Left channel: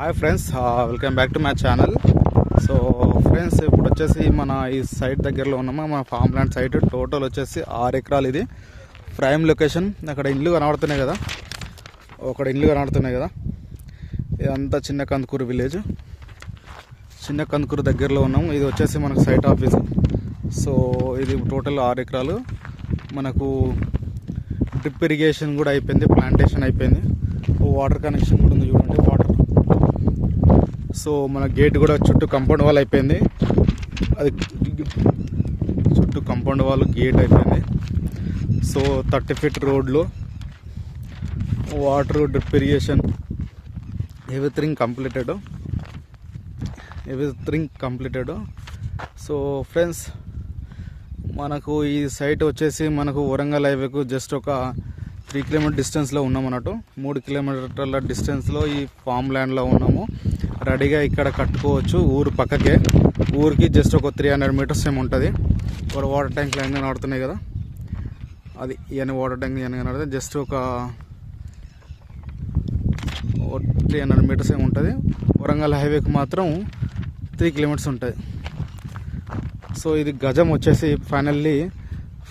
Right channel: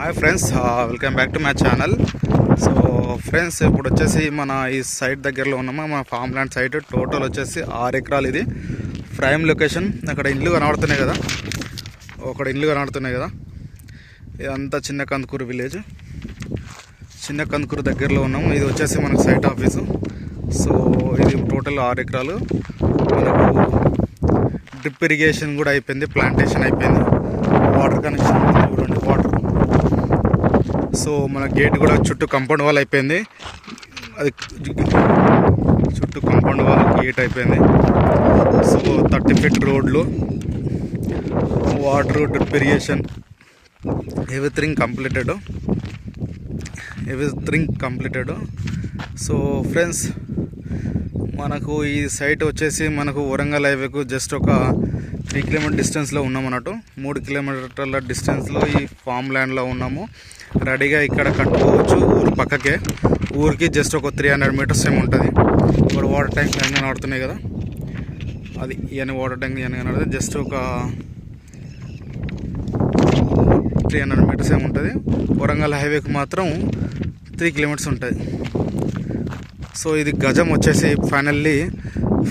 Hi friends, welcome back to my channel. So friends, ఇప్పుడు వచ్చేసి మన ఈ సైట్ దగ్గరలో ఉన్నాము. మన ఫామ్ ల్యాండ్ సైట్ టోటల్ వచ్చేసి 6 ఎకరాలు. ఇది ప్రైమ్ లొకేషన్. అక్కడ ఇండ్లు కనబడుతున్నాయి కదా, ఇదంతా చిన్న కందుకూరు విలేజ్. చిన్న కందుకూరు దగ్గరలో ఉన్నాము. ఇది వచ్చేసి మనకు సైట్ ఆఫీసు. సో ఇది టోటల్ 6 ఎకరాలు. మనకు డ్రిప్ ఇరిగేషన్ కూడా అయిపోయింది, ప్లాంటేషన్ అయిపోయింది, వాటర్ కనెక్షన్ చూడండి, వాటర్. సో మన గేట్ కూడా చుట్టూ కాంపౌండ్ వాల్ అయిపోయింది. అది చుట్టూ కాంపౌండ్ వాల్ గేట్ అయిపోయింది. సో 30 ఫీట్ రోడ్లు, water, drip irrigation, everything completed. So friends, మనకు ఈ సైట్ వచ్చేసి మనకు వరంగల్ హైవేకు జస్ట్ ఒక 3 కిలోమీటర్ డిస్టెన్స్లో ఉన్నాం అన్నట్టు. 3 కిలోమీటర్ల డిస్టెన్స్లో ఈ ఫామ్ ల్యాండ్లో ఉన్నాము. రెడీగా ఇక్కడ కట్టుకోవచ్చు. ఊరు పక్కకే, ఊరికి జస్ట్ ఒక 300 మీటర్స్ ఏమి ఉంటుంది. ఇప్పుడు వాటర్ ట్యాంక్ లైన్ కనబడుతున్నాయి కదా, అది ఇవన్నీ వాటర్ ట్యాంక్ ఇవన్నీ కనబడుతుంది. జస్ట్ ఒక 300 మీటర్స్ ఏమి ఉంటుంది. వరంగల్ హైవేకి మాత్రం 3 కిలోమీటర్స్ ఉంటుంది. సో ఇది గజం వచ్చేసి finally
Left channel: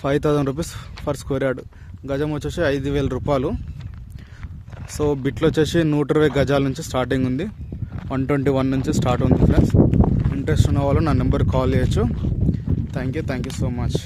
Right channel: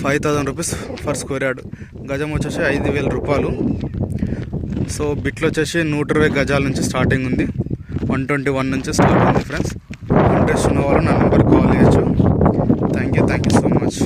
5000 rupees for square yard. గజం వచ్చేసి 5000 రూపాయలు. సో బిట్లు వచ్చేసి 120 గజాల నుంచి స్టార్టింగ్ ఉంది, 121 నుంచి స్టార్ట్ ఉంది. ఫ్రెండ్స్, ఇంట్రెస్ట్ ఉన్న వాళ్ళు నా నెంబర్కి కాల్ చేయొచ్చు. Thank you so much.